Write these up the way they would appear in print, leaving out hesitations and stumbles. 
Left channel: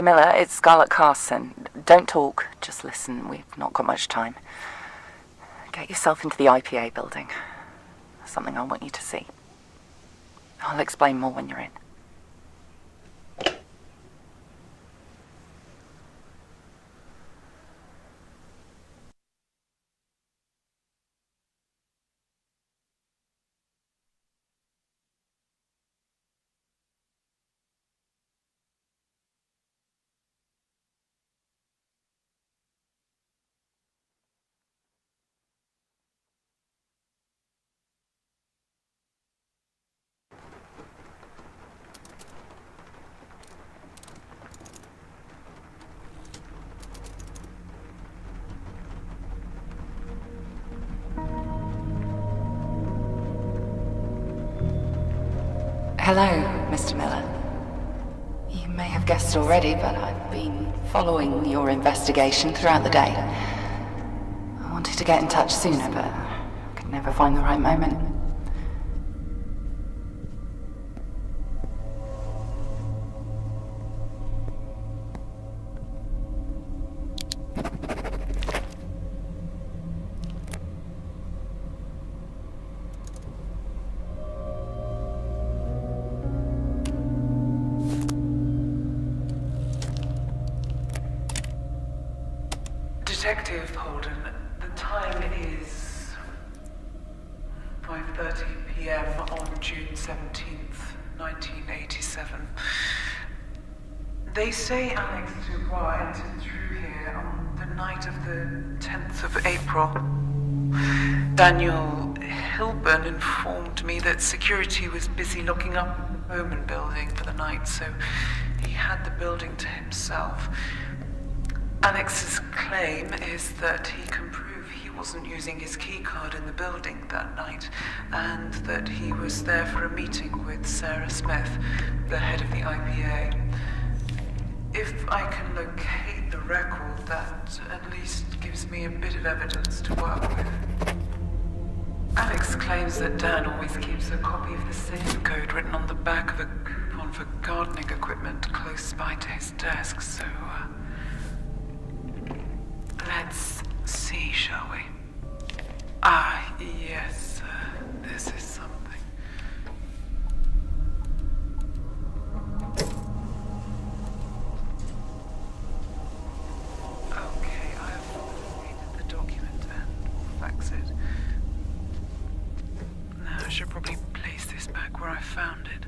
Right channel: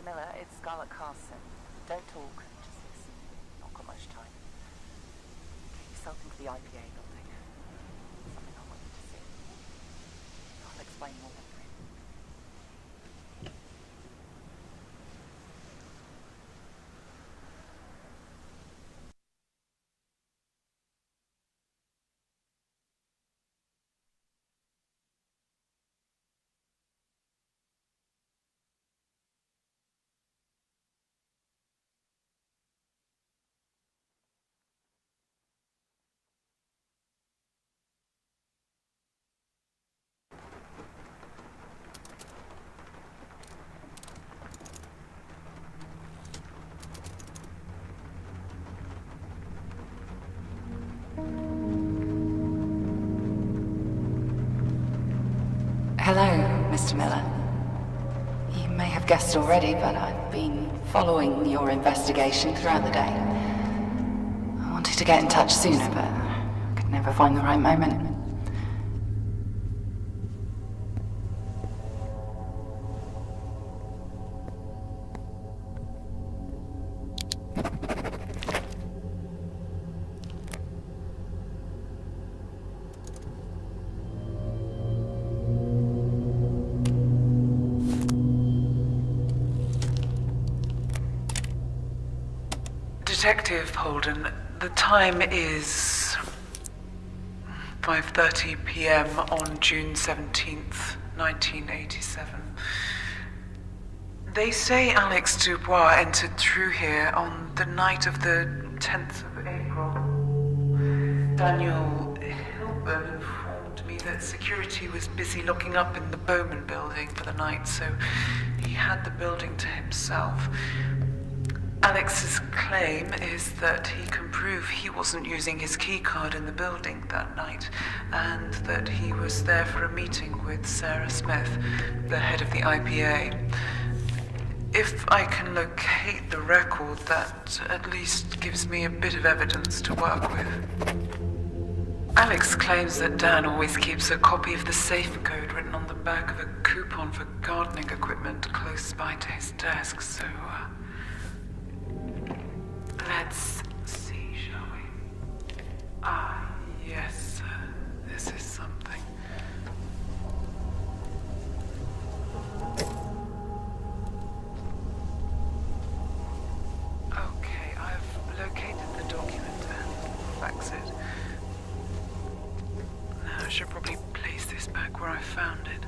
Mr. Miller, it's Scarlett Carson. Don't talk, just listen. We've not got much time. Get yourself into the IPA building. There's something I want you to see. I'll explain more when you're in. Hello, Mr. Miller. You may have guessed already, but I've been following your investigation throughout the day. I wanted to get in touch sooner, but I could never find the right moment. Detective Holden, the time is 5:30 p.m. on June 17th, 1987. They say Alex Dubois entered through here on the night of the 10th of April. Daniel Hilburn informed me that security was busy locking up in the Bowman building for the night, so he had the building to himself. Alex's claim is that he can prove he wasn't using his keycard in the building that night, and that he was there for a meeting with Sarah Smith, the head of the IPA. If I can locate the record, that at least gives me a bit of evidence to work with. Alex claims that Dan always keeps a copy of the safe code written on the back of a coupon for gardening equipment close by to his desk, so let's see, shall we? Ah, yes, this is something. Okay, I've located the document and faxed it. Now I should probably place this back where I found it.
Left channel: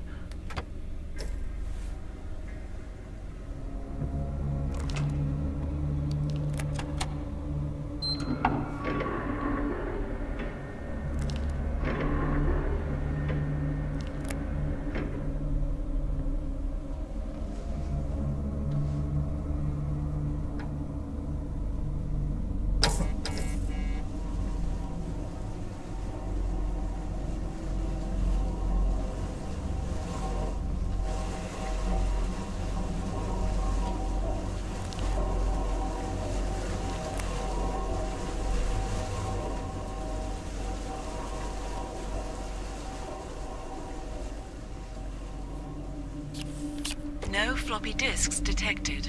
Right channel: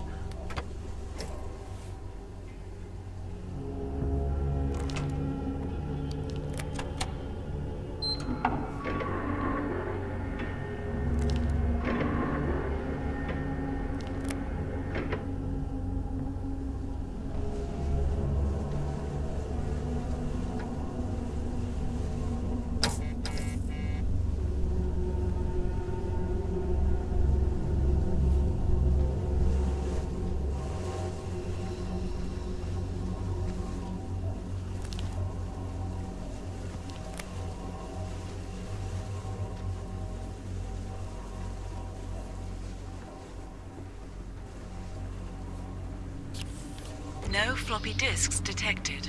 No floppy disks detected.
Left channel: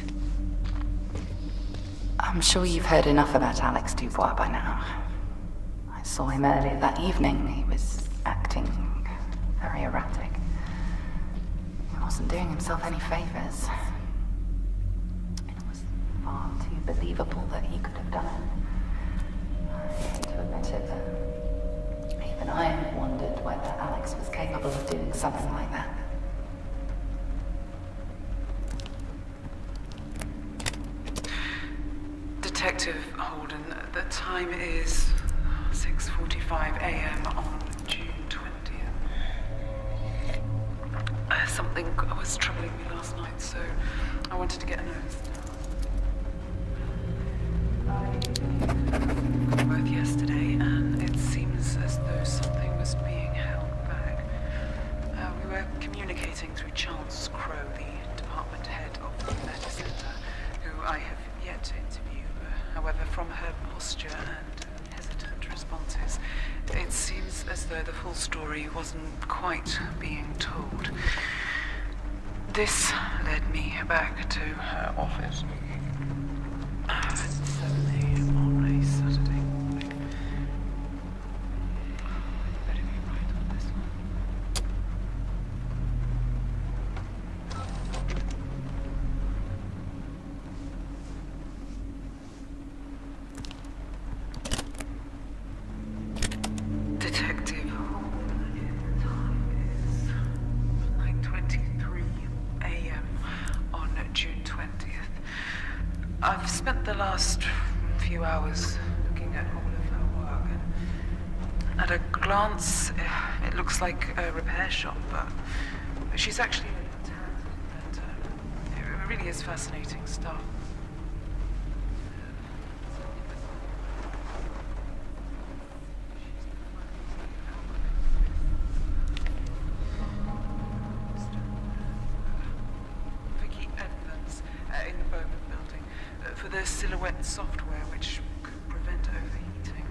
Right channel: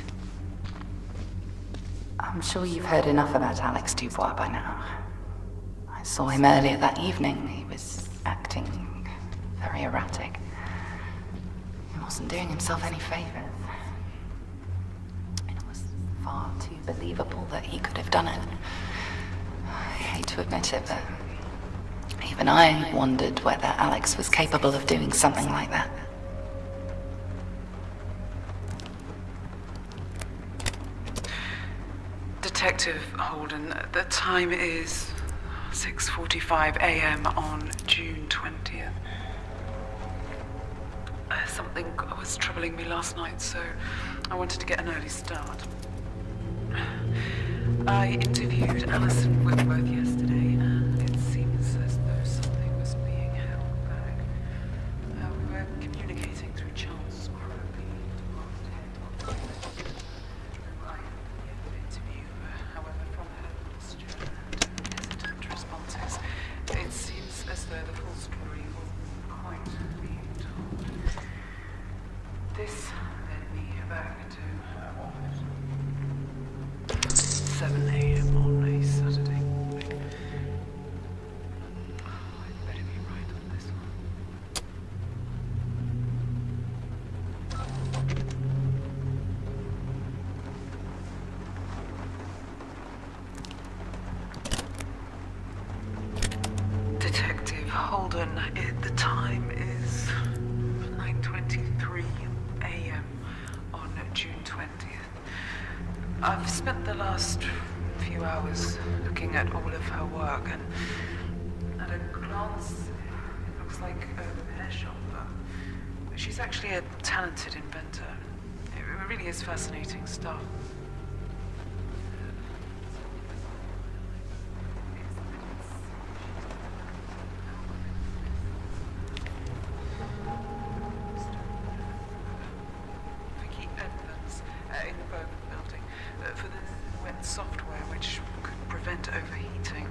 I'm sure you've heard enough about Alex Dubois by now. I saw him earlier that evening. He was acting very erratic. He wasn't doing himself any favors. It was far too believable that he could have done it. I hate to admit it, but even I wondered whether Alex was capable of doing something like that. Detective Holden, the time is 6:45 a.m. on June 20th. Something was troubling me last night, so I wanted to get an early start. I interviewed Alison Whitworth yesterday, and it seems as though something was being held back. We were communicating through Charles Crow, the department head of the letter center, who I have yet to interview. However, from her posture and hesitant responses, it seems as though the full story wasn't quite being told. This led me back to her office at 7 a.m. on a Saturday morning. I'd better be right on this one. Detective Holden, the time is 9:23 a.m. on June 20th. I've spent the last few hours looking at all of her work, and at a glance, it looks like a repair shop, but she's actually a talented inventor. It really is fascinating stuff. In the Bowman building for the silhouette software which could prevent overheating.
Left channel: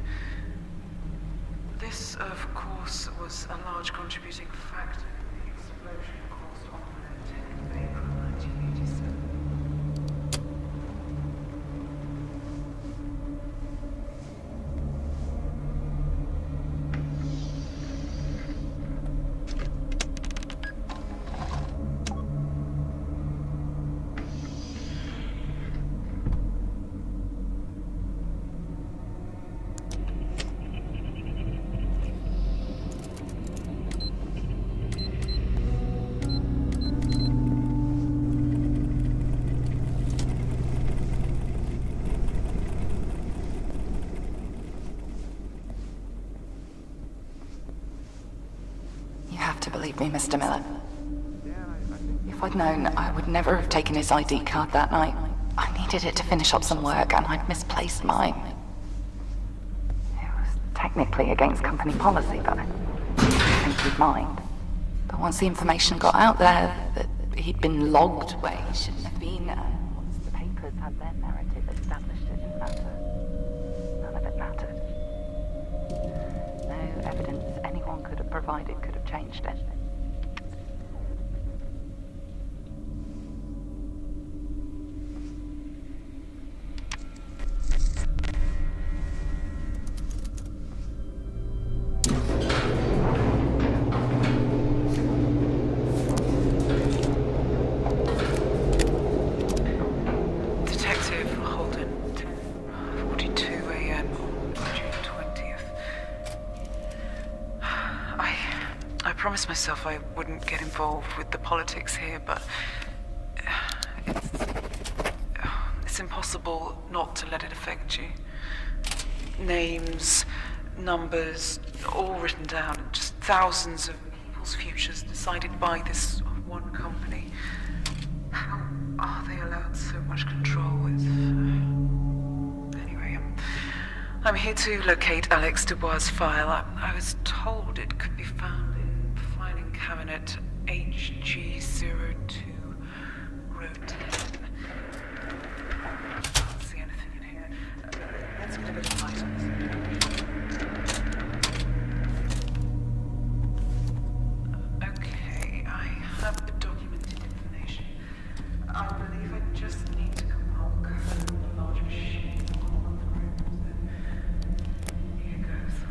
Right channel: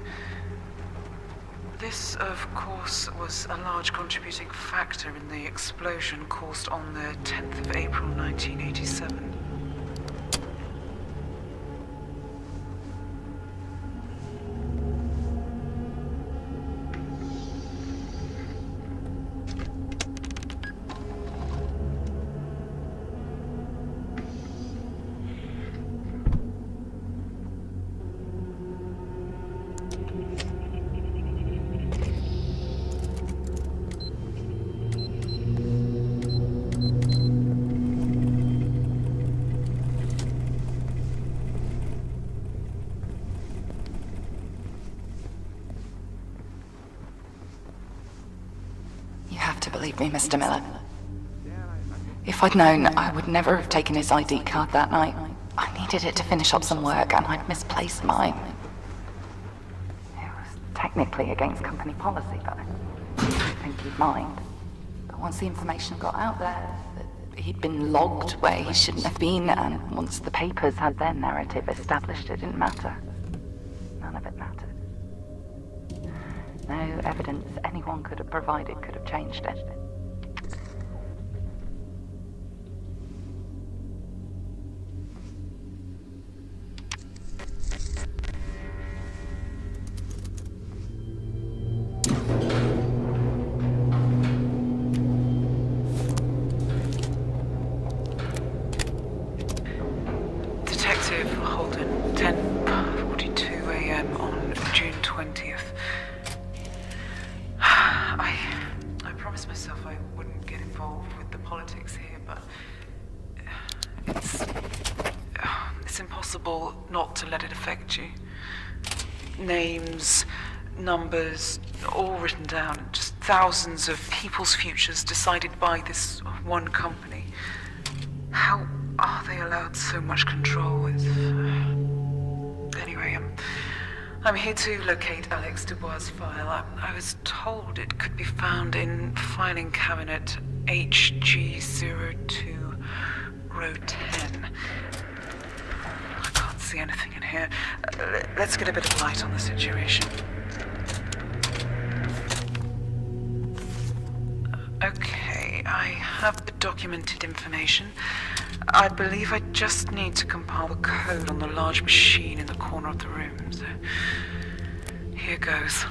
This, of course, was a large contributing factor in the explosion caused on the 10th of April 1987. You have to believe me, Mr. Miller. If I'd known, I would never have taken his ID card that night. I needed it to finish up some work, and I'd misplaced mine. It was technically against company policy, but I didn't think he'd mind. But once the information got out there that he'd been logged where he shouldn't have been, and once the papers had their narrative established, it didn't matter. None of it mattered. No evidence anyone could have provided could have changed it. Detective Holden, 10:42 a.m. on June 20th. I promised myself I wouldn't get involved with the politics here, but it's impossible not to let it affect you. Names, numbers, all written down, just thousands of people's futures decided by this one company. How are they allowed so much control? Anyway, I'm here to locate Alex Dubois' file. I was told it could be found in filing cabinet HG02, row 10. I can't see anything in here. Let's get a bit of light on the situation. Okay, I have the documented information. I believe I just need to compile the code on the large machine in the corner of the room, so here goes.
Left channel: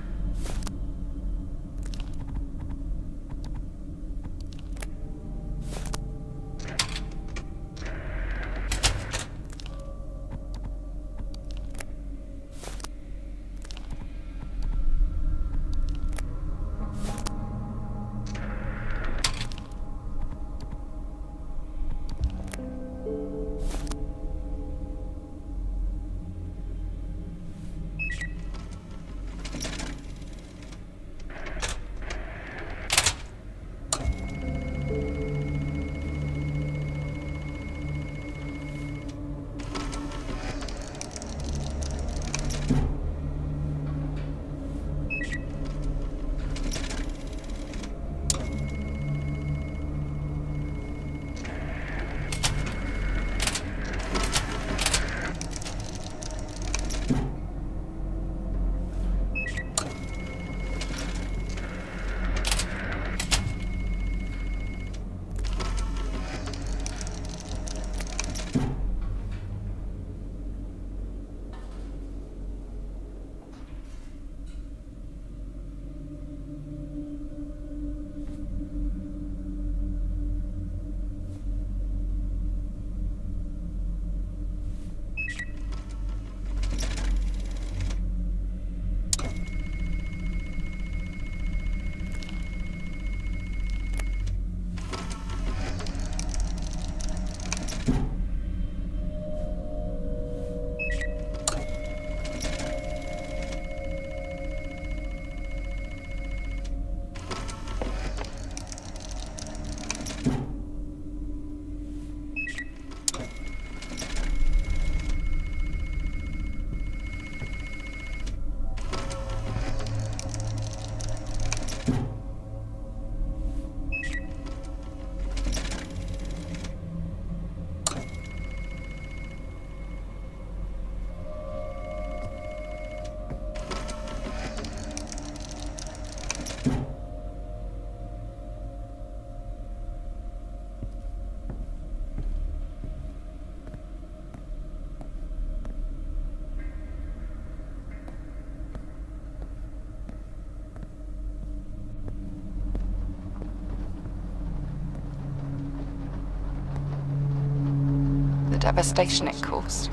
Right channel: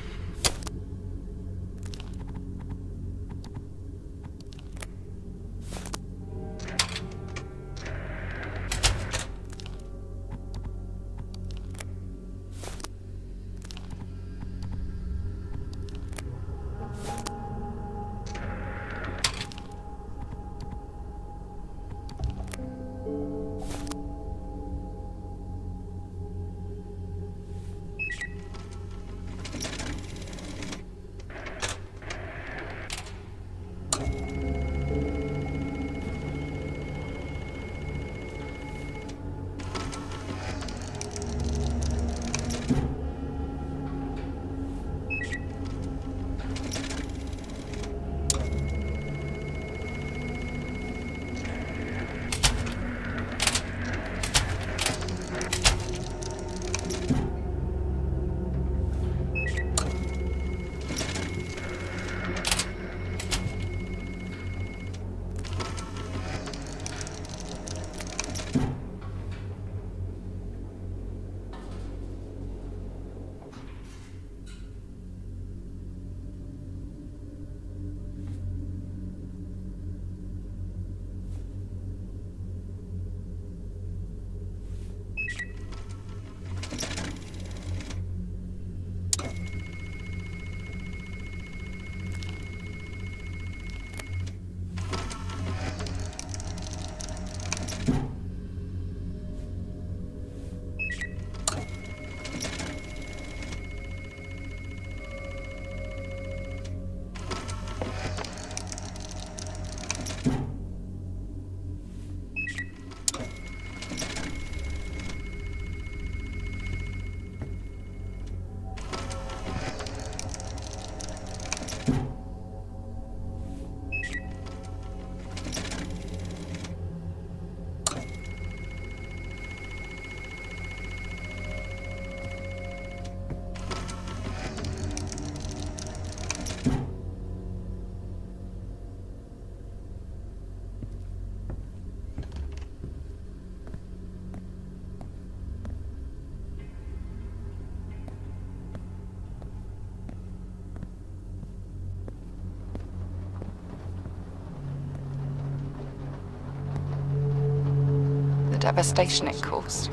devastation it caused,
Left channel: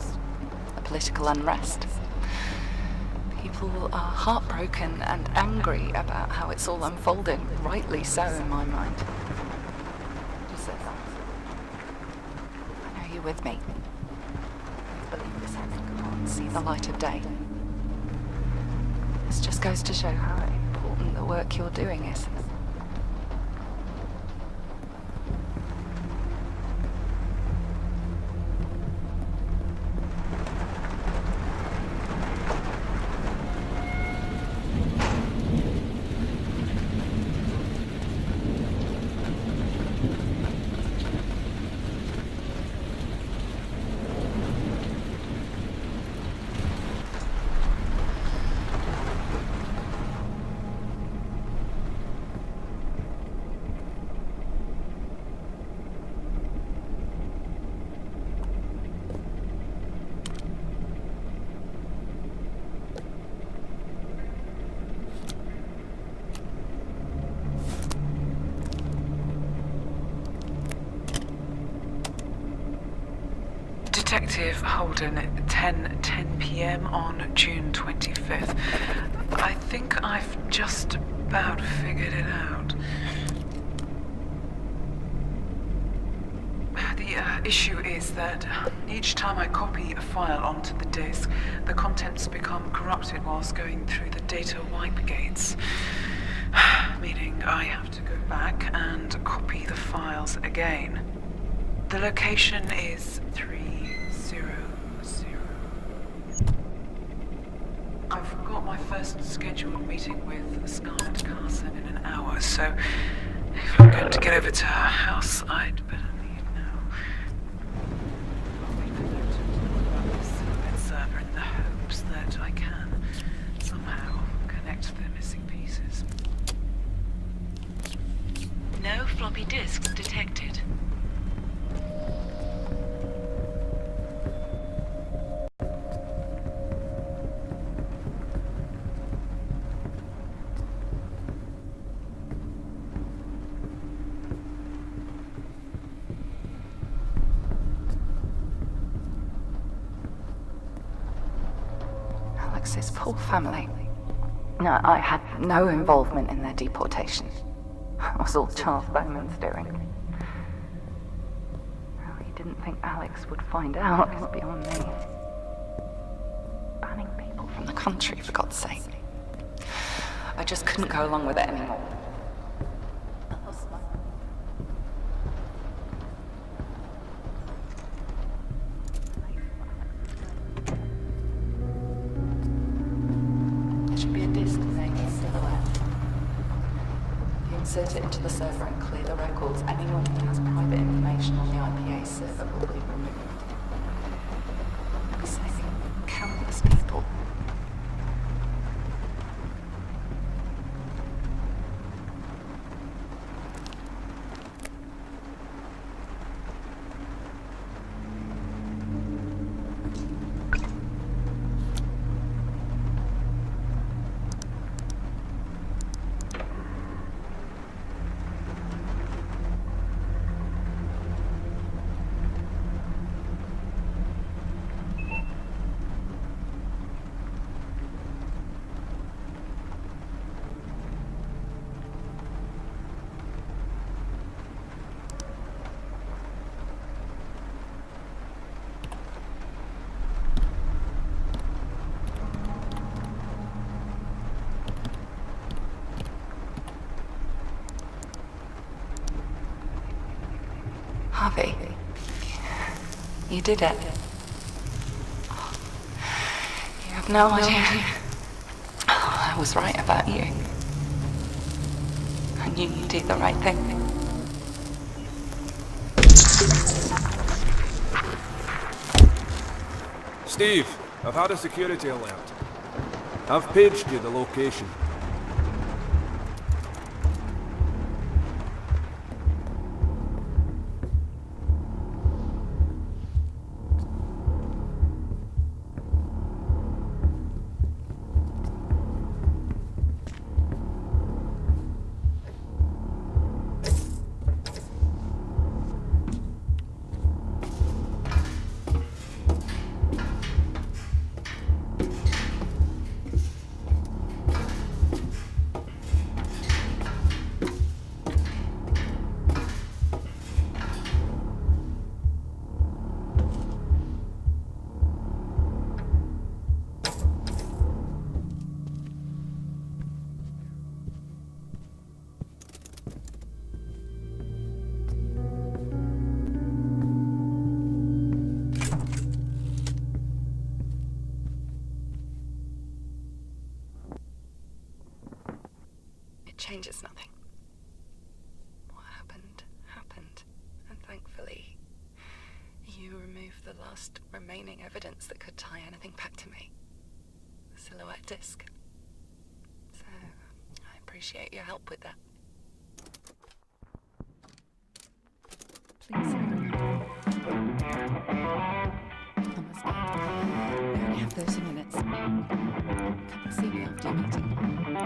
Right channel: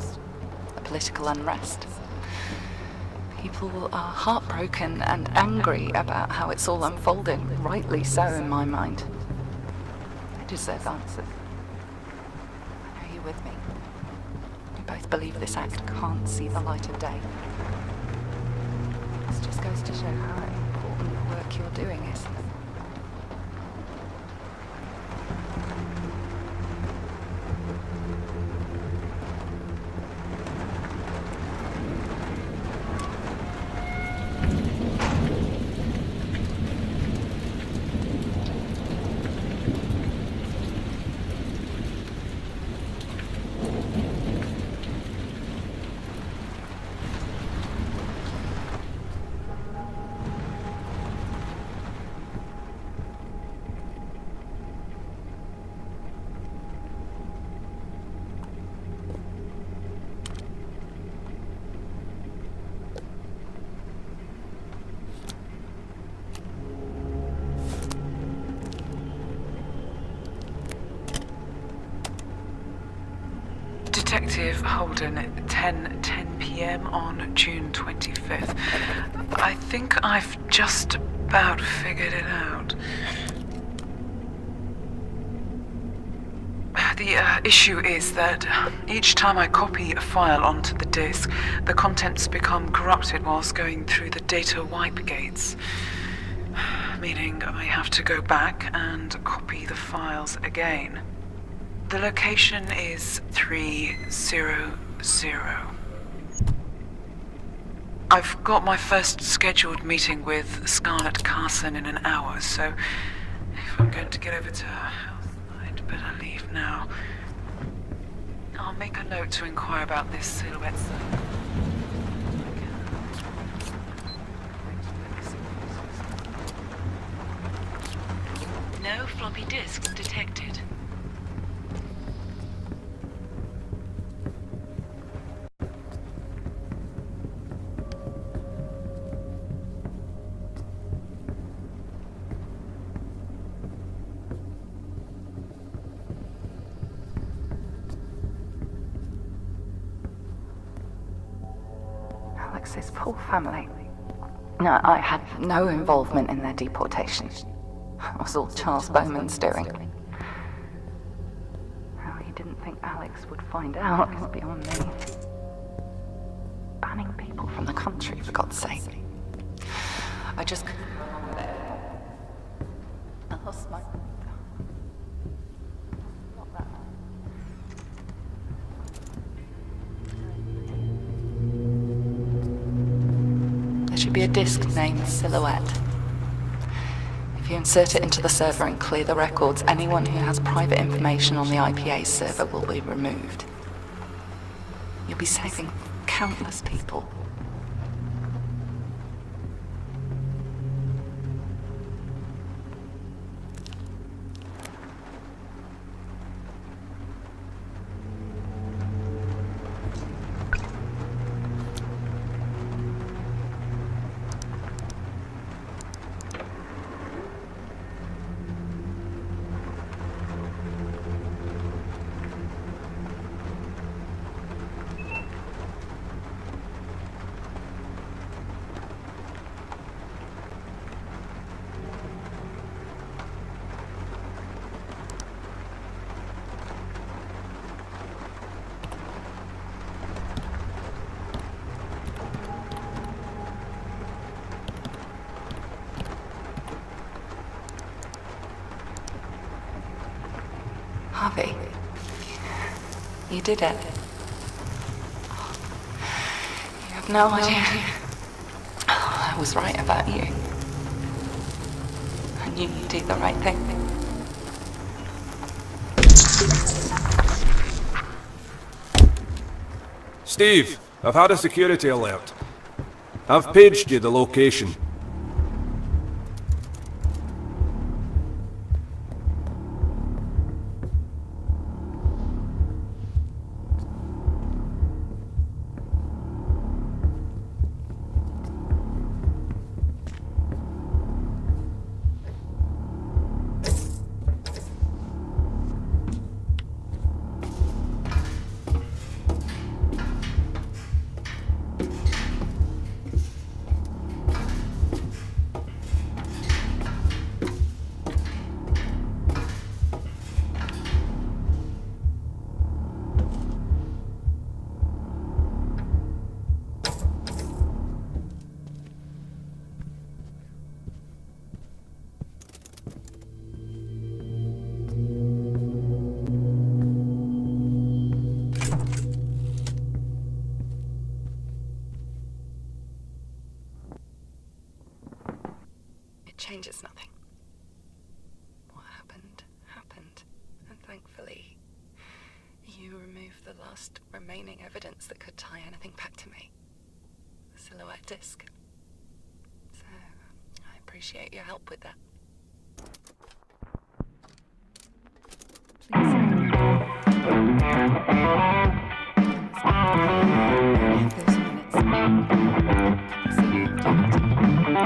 the political unrest. People are heartbroken and angry about how it's all unfolding, rightly so in my mind. You deserve answers. I know you're with me. We both believe this act can't see the light of day. This just goes to show how important the work you're doing is. Detective Holden, 10 p.m. on June 25th. I think I've just about figured it out. The issue is that each time I copy a file onto the disk, the contents become corrupted whilst going through the data wipe gates. Meaning I have to go back and copy the files again. The location is 300. I've got my first scheduled meeting with Scarlett Carson in an hour, so if I'm going to get over to her house, I'd better leave now. I'll make a note to inquire about this silhouette server in the hopes that I can somehow connect the missing pieces. No floppy disks detected. Alex's poor family. No, I had no involvement in their deportation. It was all Charles Bowman's doing. Well, he didn't think Alex would find out. It's beyond me. Banning people from the country, for God's sake. I just couldn't go along with it anymore. I lost my... There should be a disk named Silhouette. If you insert it into the server and clear the records, anyone who has private information on the IPA server will be removed. You'll be saving countless people. Harvey, you did it. You have no idea. I was right about you. I knew you'd do the right thing. Steve, I've had a security alert. I've paged you the location. changes nothing. What happened, happened. And thankfully, you removed the last remaining evidence that could tie anything back to me. The silhouette disc. So, I appreciate your help with that. Please. I have 30 minutes. Come and see me after your meeting.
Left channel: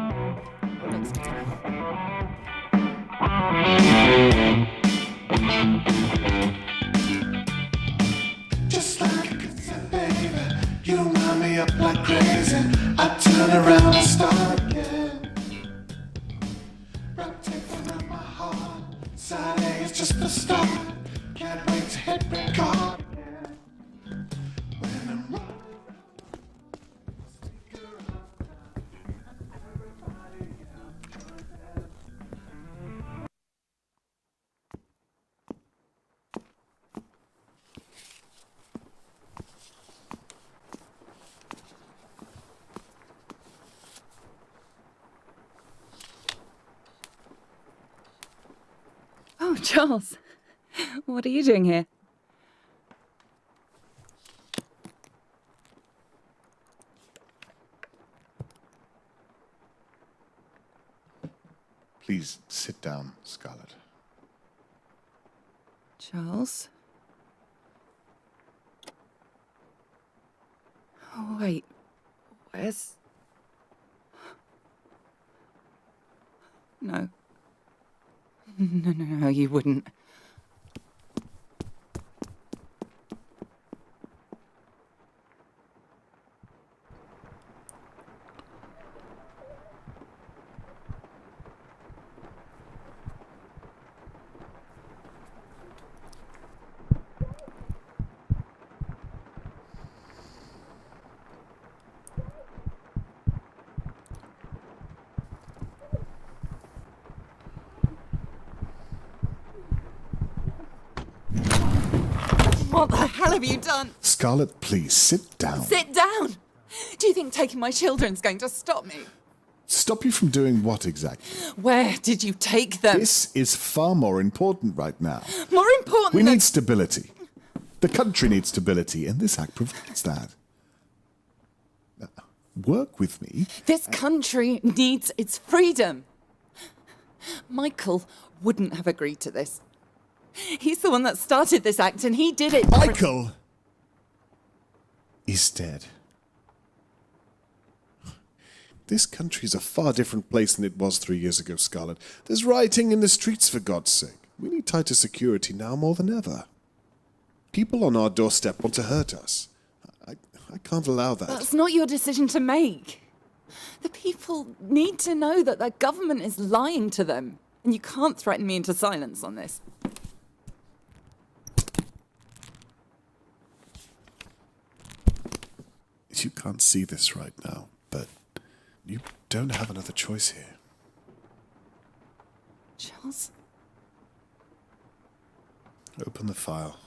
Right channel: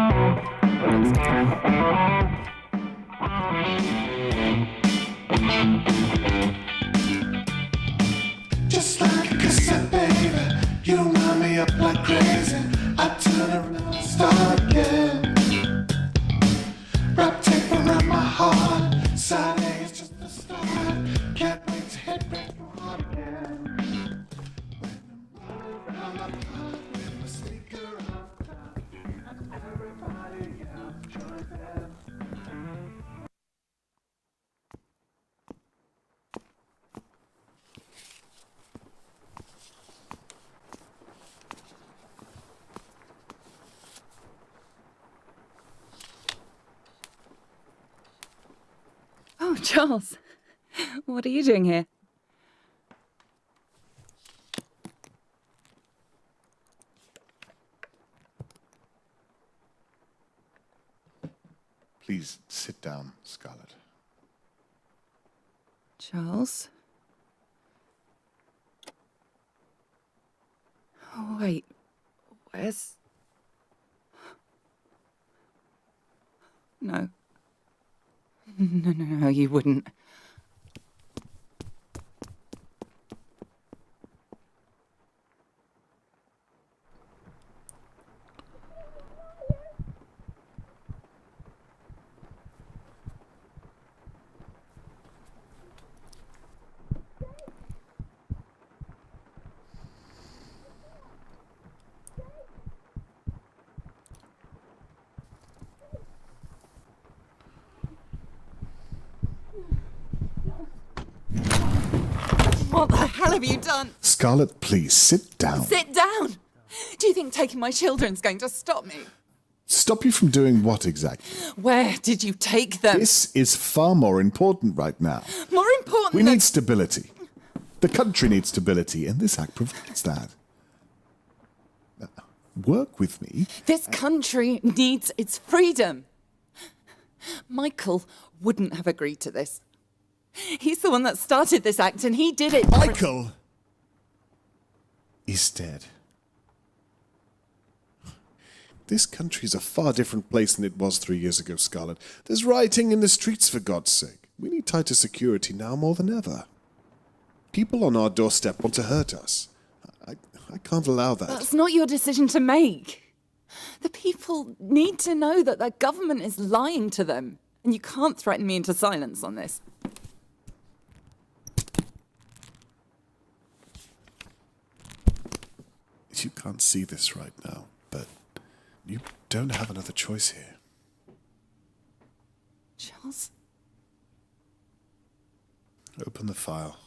Just like a cassette, baby, you wind me up like crazy. I turn around and start again. Wrap tape around my heart. Side A is just the start. Can't wait to hit record again. When I'm running around the park with my sneaker off top, and everybody else joins in. Oh, Charles. What are you doing here? Please sit down, Scarlett. Charles? Oh, wait. Where's... No. No, you wouldn't. What the hell have you done? Scarlett, please sit down. Sit down! Do you think taking my children's going to stop me? Stop you from doing what exactly? Where did you take them? This is far more important right now. More important We than... need stability. The country needs stability, and this act provides that. Work with me. This country needs its freedom. Michael wouldn't have agreed to this. He's the one that started this act, and he did it... Michael is dead. This country's a far different place than it was 3 years ago, Scarlett. There's rioting in the streets, for God's sake. We need tighter security now more than ever. People on our doorstep want to hurt us. I can't allow that. That's not your decision to make. The people need to know that their government is lying to them, and you can't threaten me into silence on this. You can't see this right now, but you don't have another choice here. Charles? Open the file.